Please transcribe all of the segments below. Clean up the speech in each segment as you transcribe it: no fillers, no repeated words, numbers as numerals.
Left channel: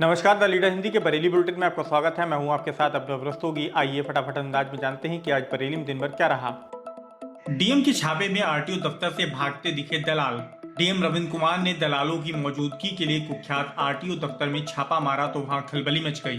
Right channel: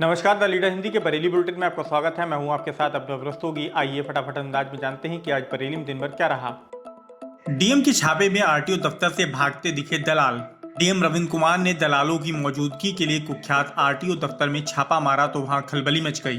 नमस्कार, the leader Hindi के Bareilly bulletin में आपका स्वागत है। मैं हूं आपके साथ अब्दुल रस्तोगी। आइए फटाफट अंदाज में जानते हैं कि आज बरेली में दिन भर क्या रहा। डीएम के छापे में आरटीओ दफ्तर से भागते दिखे दलाल। डीएम रविंद्र कुमार ने दलालों की मौजूदगी के लिए कुख्यात आरटीओ दफ्तर में छापा मारा तो वहां खलबली मच गई।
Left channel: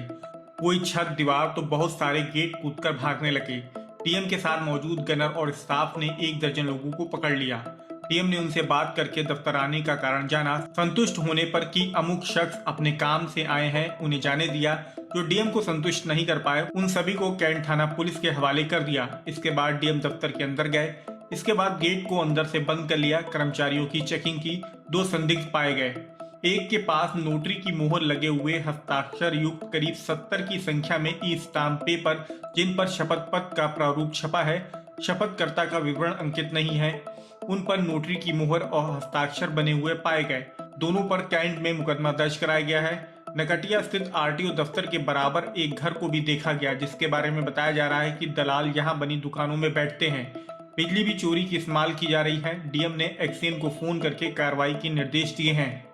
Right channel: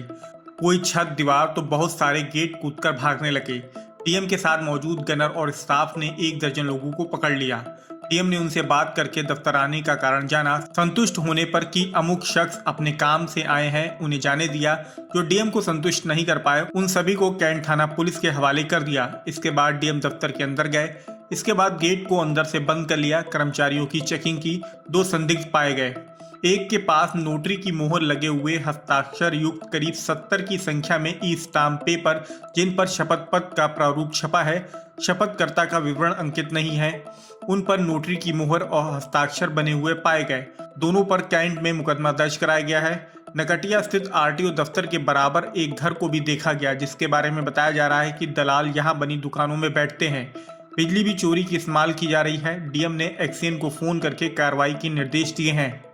कोई छत दीवार तो बहुत सारे गेट कूदकर भागने लगे। डीएम के साथ मौजूद गनर और स्टाफ ने 1 दर्जन लोगों को पकड़ लिया। डीएम ने उनसे बात करके दफ्तर आने का कारण जाना। संतुष्ट होने पर कि अमुक शख्स अपने काम से आए हैं, उन्हें जाने दिया। जो डीएम को संतुष्ट नहीं कर पाए उन सभी को कैंट थाना पुलिस के हवाले कर दिया। इसके बाद डीएम दफ्तर के अंदर गए। इसके बाद गेट को अंदर से बंद कर लिया। कर्मचारियों की चेकिंग की। 2 संदिग्ध पाए गए। एक के पास नोटरी की मोहर लगे हुए हस्ताक्षर युक्त करीब 70 की संख्या में ई स्टाम्प पेपर, जिन पर शपथ पत्र का प्रारूप छपा है, शपथकर्ता का विवरण अंकित नहीं है, उन पर नोटरी की मोहर और हस्ताक्षर बने हुए पाए गए। दोनों पर कैंट में मुकदमा दर्ज कराया गया है। नकटिया स्थित आरटीओ दफ्तर के बराबर एक घर को भी देखा गया, जिसके बारे में बताया जा रहा है कि दलाल यहां बनी दुकानों में बैठते हैं। बिजली भी चोरी की इस्तेमाल की जा रही है। डीएम ने एक्सीएन को फोन करके कार्रवाई के निर्देश दिए हैं।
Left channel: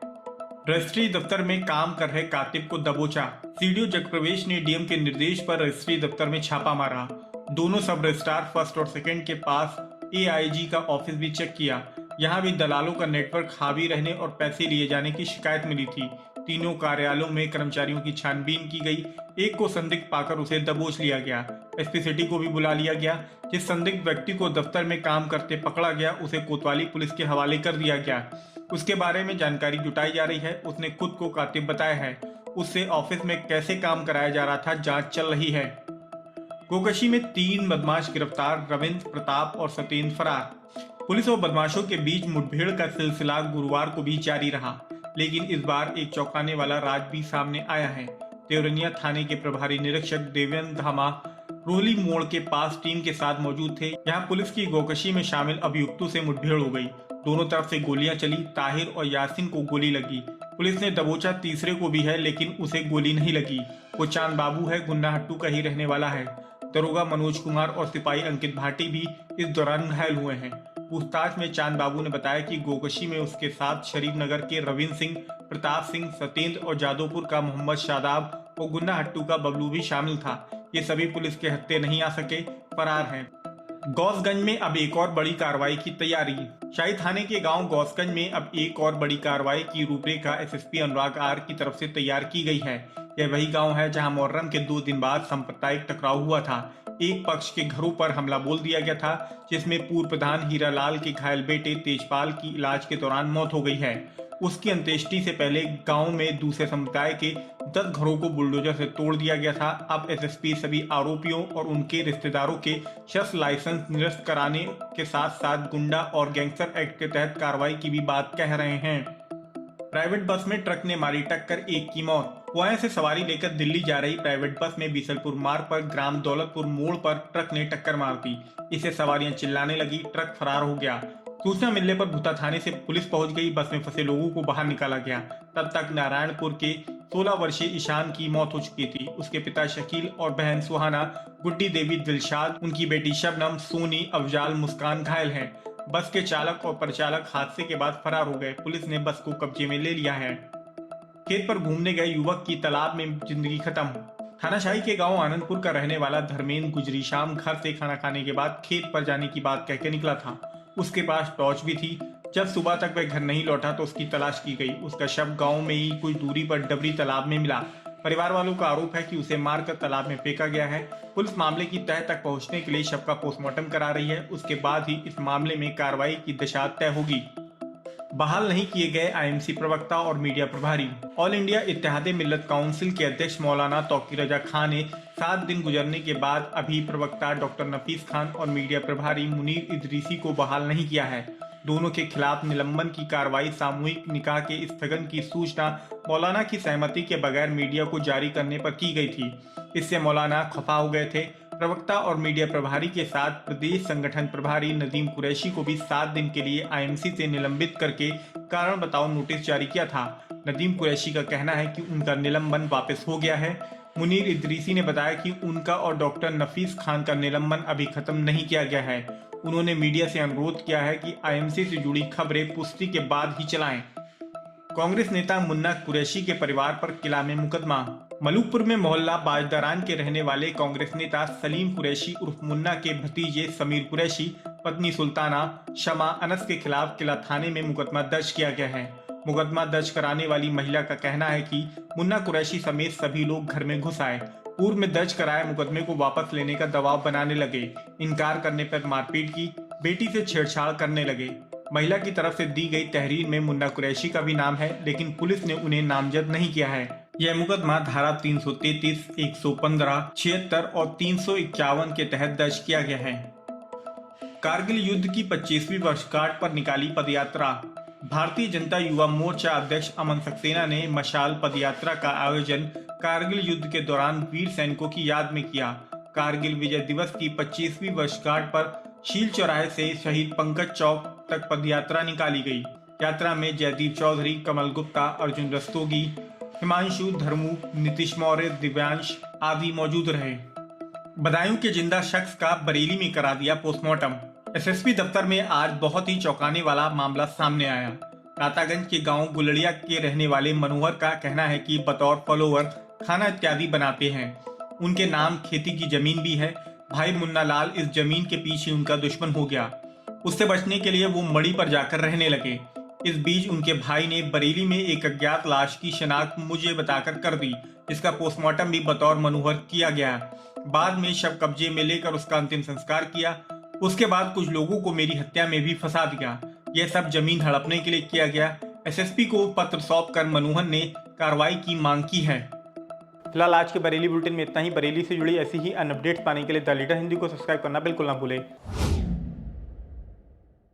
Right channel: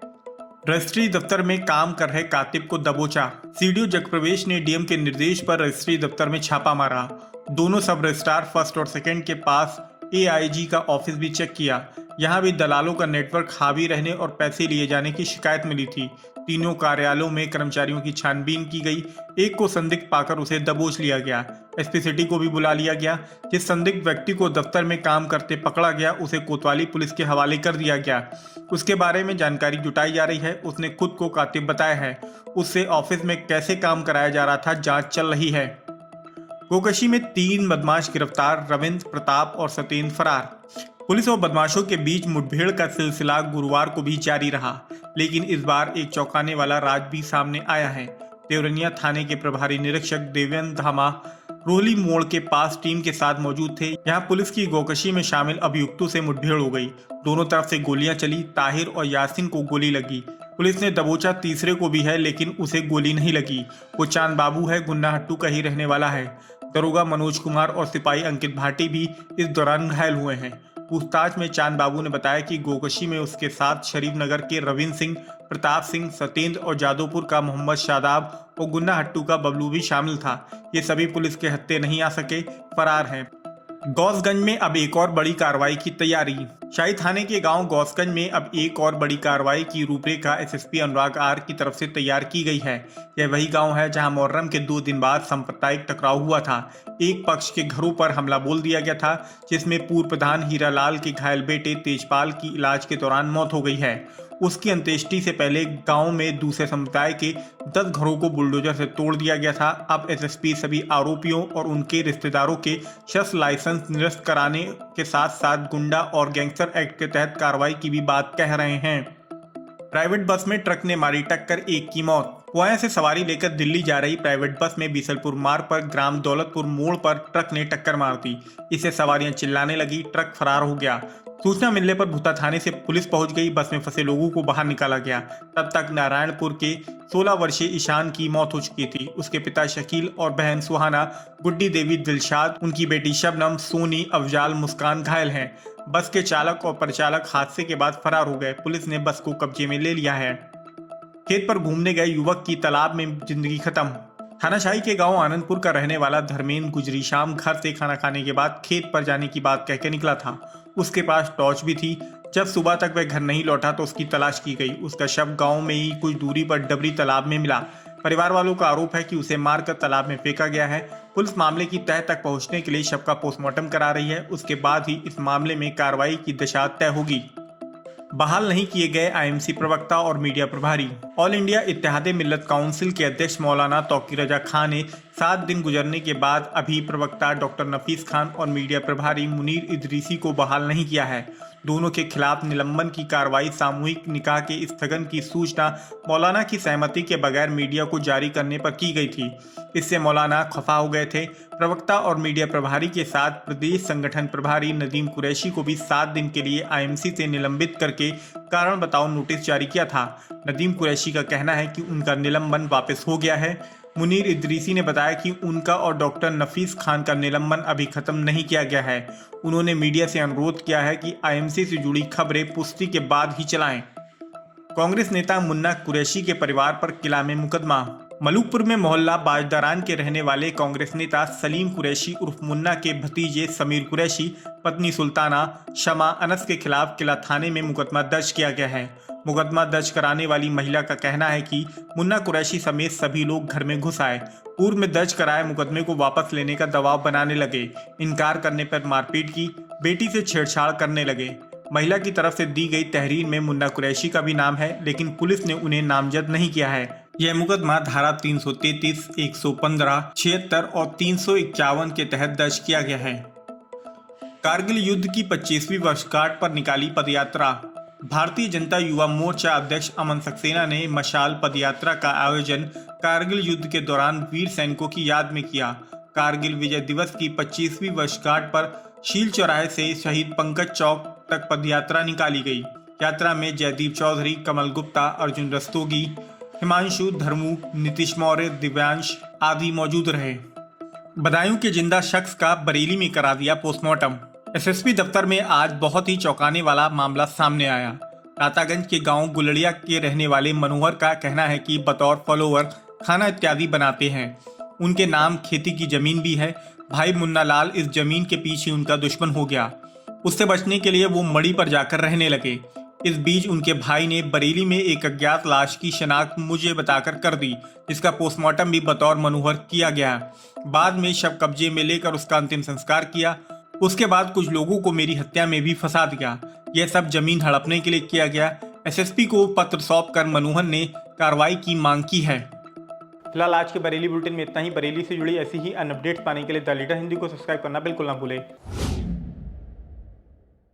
रजिस्ट्री दफ्तर में काम कर रहे कातिब को दबोचा। सीडीओ जगप्रवेश ने डीएम के निर्देश पर रजिस्ट्री दफ्तर में छापा मारा। दोनों सब रजिस्ट्रार फर्स्ट और सेकंड के पास एआईजी का ऑफिस भी चेक किया। यहां भी दलालों का नेटवर्क हावी रहने और पैसे लिए जाने की शिकायत मिली थी। तीनों कार्यालयों में कर्मचारियों की छानबीन की गई। एक को संदिग्ध पाकर उसे दबोच लिया गया। एसपी सिटी को भी बुला लिया गया। जिस संदिग्ध व्यक्ति को दफ्तर में काम करते पकड़ा गया उसे कोतवाली पुलिस के हवाले कर दिया गया। उसके बारे में जानकारी जुटाई जा रही है। उसने खुद को कातिब बताया है। उससे ऑफिस में कैसे काम कराया जा रहा था, जांच चल रही है। गोकशी में 3 बदमाश गिरफ्तार, रविंद्र, प्रताप और सत्येंद्र फरार। पुलिस और बदमाशों के बीच मुठभेड़ का सिलसिला गुरुवार को भी जारी रहा, लेकिन इस बार एक चौंकाने वाला राज भी सामने आया है। देवरनिया थाने के प्रभारी निरीक्षक देवेंद्र धामा रोहली मोड़ के पास टीम के साथ मौजूद थे। यहाँ पुलिस की गोकशी में शामिल अभियुक्तों से मुठभेड़ हो गई। दोनों तरफ से गोलियां चली। ताहिर और यासिन को गोली लगी। पुलिस ने दबोचा तीसरे को भी है, लेकिन उसे गोली नहीं लगी। वो चांद बाबू है, गुन्नाहट्टू का ही रहने वाला है। दरोगा मनोज कुमार और सिपाही अंकित भाटी भी इस दौरान घायल हुए हैं। पूछताछ में चांद बाबू ने बताया कि गोकशी में उसके साथ शरीफ नगर के रविंद्र सिंह, प्रताप सिंह, सत्येंद्र और जादवपुर का मोहम्मद शादाब और गुन्नाहट्टू का बबलू भी शामिल था। ये सभी पुलिस के हत्थे नहीं आ सके, फरार हैं। गौसगंज में अब एक और बड़ी कार्रवाई की तैयारी। शाही थाने के गांव गौसगंज में अब एक और बड़ी कार्रवाई की रूपरेखा एसएसपी अनुराग आर की तरफ से तैयार की गई है। यह वही गांव है जहां मुहर्रम के 2 दिन बाद सांप्रदायिक टकराव हुआ था। एक पक्ष के घरों पर हमला बोल दिया गया था, जिसमें पूर्व प्रधान हीरालाल के घायल बेटे तेजपाल की इलाज के दौरान मौत हो गई है। उसकी अंत्येष्टि से पहले गांव में दूसरे समुदाय के 10 घरों को बुलडोजर से तोड़ दिया गया था। अब एसएसपी सभी आरोपियों और उनके रिश्तेदारों के शस्त्र लाइसेंस निरस्त कराने के साथ साथ गुंडा और गैंगस्टर एक्ट के तहत कार्रवाई की भी बात कह रहे हैं। प्राइवेट बस में ट्रक ने मारी टक्कर, एक की मौत। पुणे से सवारी लेकर दिल्ली जा रही प्राइवेट बस में बीसलपुर मार्ग पर ग्राम दौलतपुर मोड़ पर ट्रक ने टक्कर मार दी। इससे सवारियां चिल्लाने लगी। ट्रक फरार हो गया। सूचना मिलने पर भूता थाने से पुलिस पहुंच गई। बस में फंसे लोगों को बाहर निकाला गया। तब तक नारायणपुर के 16 वर्षीय ईशान की मौत हो चुकी थी। उसके पिता शकील और बहन सुहाना, गुड्डी देवी, दिलशाद, उनकी बेटी शबनम, सोनी, अफजाल, मुस्कान घायल हैं। बस के चालक और परिचालक हादसे के बाद फरार हो गए। पुलिस ने बस को कब्जे में ले लिया है। खेत पर घूमने गए युवक की तालाब में जिंदगी खत्म। थानाशाही के गांव आनंदपुर का रहने वाला धर्मेंद्र गुजरी शाम घर से खाना खाने के बाद खेत पर जाने की बात कहकर निकला था। उसके पास टॉर्च भी थी। जब सुबह तक वह घर नहीं लौटा तो उसकी तलाश की गई। उसका शव गांव में ही कुछ दूरी पर डबरी तालाब में मिला। परिवार वालों का आरोप है कि उसे मारकर तालाब में फेंका गया है। पुलिस मामले की तह तक पहुंचने के लिए शव का पोस्टमार्टम करा रही है। उसके बाद ही इस मामले में कार्रवाई की दिशा तय होगी। बहाल नहीं किए गए आईएमसी प्रवक्ता और मीडिया प्रभारी। ऑल इंडिया इत्तेहाद मिल्लत काउंसिल के अध्यक्ष मौलाना तौकीर रजा खान ने 7 दिन गुजरने के बाद अभी प्रवक्ता डॉक्टर नफीस खान और मीडिया प्रभारी मुनीर इदरीसी को बहाल नहीं किया है। दोनों के खिलाफ निलंबन की कार्रवाई सामूहिक निकाह के स्थगन की सूचना मौलाना की सहमति के बगैर मीडिया को जारी करने पर की गई थी। इससे मौलाना खफा हो गए थे। प्रवक्ता और मीडिया प्रभारी के साथ प्रदेश संगठन प्रभारी नदीम कुरैशी को भी 7 दिन के लिए आईएमसी से निलंबित करके कारण बताओ नोटिस जारी किया था। नदीम कुरैशी का कहना है कि उनका निलंबन वापस हो गया है। मुनीर इदरीसी ने बताया कि उनका और डॉक्टर नफीस खान का निलंबन अभी खत्म नहीं किया गया है। उन्होंने मीडिया से अनुरोध किया है कि आईएमसी से जुड़ी खबरें पुष्टि के बाद ही चलाएं। कांग्रेस नेता मुन्ना कुरैशी के परिवार पर किला में मुकदमा। मलूकपुर में मोहल्ला बाजदारान के रहने वाले कांग्रेस नेता सलीम कुरैशी उर्फ मुन्ना के भतीजे समीर कुरैशी, पत्नी सुल्ताना शमा अनस के खिलाफ किला थाने में मुकदमा दर्ज किया गया है। मुकदमा दर्ज कराने वाली महिला का कहना है कि मुन्ना कुरैशी समेत सभी लोग घर में घुस आए, पूर्व में दर्ज कराए मुकदमे को वापस लेने का दबाव बनाने लगे, इनकार करने पर मारपीट की, बेटी से छेड़छाड़ करने लगे। महिला की तरफ से दी गई तहरीर में मुन्ना कुरैशी का भी नाम है, लेकिन पुलिस ने उन्हें नामजद नहीं किया है। यह मुकदमा धारा 333, 115, 76 और 351 के तहत दर्ज किया गया है। कारगिल युद्ध की 25वीं वर्षगांठ पर निकाली पदयात्रा। भारतीय जनता युवा मोर्चा अध्यक्ष अमन सक्सेना ने मशाल पदयात्रा का आयोजन कारगिल युद्ध के दौरान वीर सैनिकों की याद में किया। कारगिल विजय दिवस की 25वीं वर्षगांठ पर शील चौराहे से शहीद पंकज चौक तक पदयात्रा निकाली गई। यात्रा में जयदीप चौधरी, कमल गुप्ता, अर्जुन रस्तोगी, हिमांशु धर्मू, नीतीश मौर्य, दिव्यांश आदि मौजूद रहे। बदायूं के जिंदा शख्स का बरेली में करा दिया पोस्टमार्टम। एसएसपी दफ्तर में आज बहुत ही चौंकाने वाला मामला सामने आया। रातागंज के गांव गुलड़िया के रहने वाले मनोहर का कहना है कि बतौर फॉलोवर खाना इत्यादि बनाते हैं। उनके नाम खेती की जमीन भी है। भाई मुन्ना लाल इस जमीन के पीछे उनका दुश्मन हो गया। उससे बचने के लिए वो मड़ी पर जाकर रहने लगे। इस बीच उनके भाई ने बरेली में एक अज्ञात लाश की शनाख्त मुझे बताकर कर दी, जिसका पोस्टमार्टम भी बतौर मनोहर किया गया। बाद में शव कब्जे में लेकर उसका अंतिम संस्कार किया। उसके बाद कुछ लोगों को मेरी हत्या में भी फंसा दिया। यह सब जमीन हड़पने के लिए किया गया। एसएसपी को पत्र सौंपकर मनोहर ने कार्रवाई की मांग की है। फिलहाल आज के बरेली बुलेटिन में इतना ही। बरेली से जुड़ी ऐसी ही अन्य अपडेट्स पाने के लिए द लीडर हिंदी को सब्सक्राइब करना बिल्कुल ना भूलें।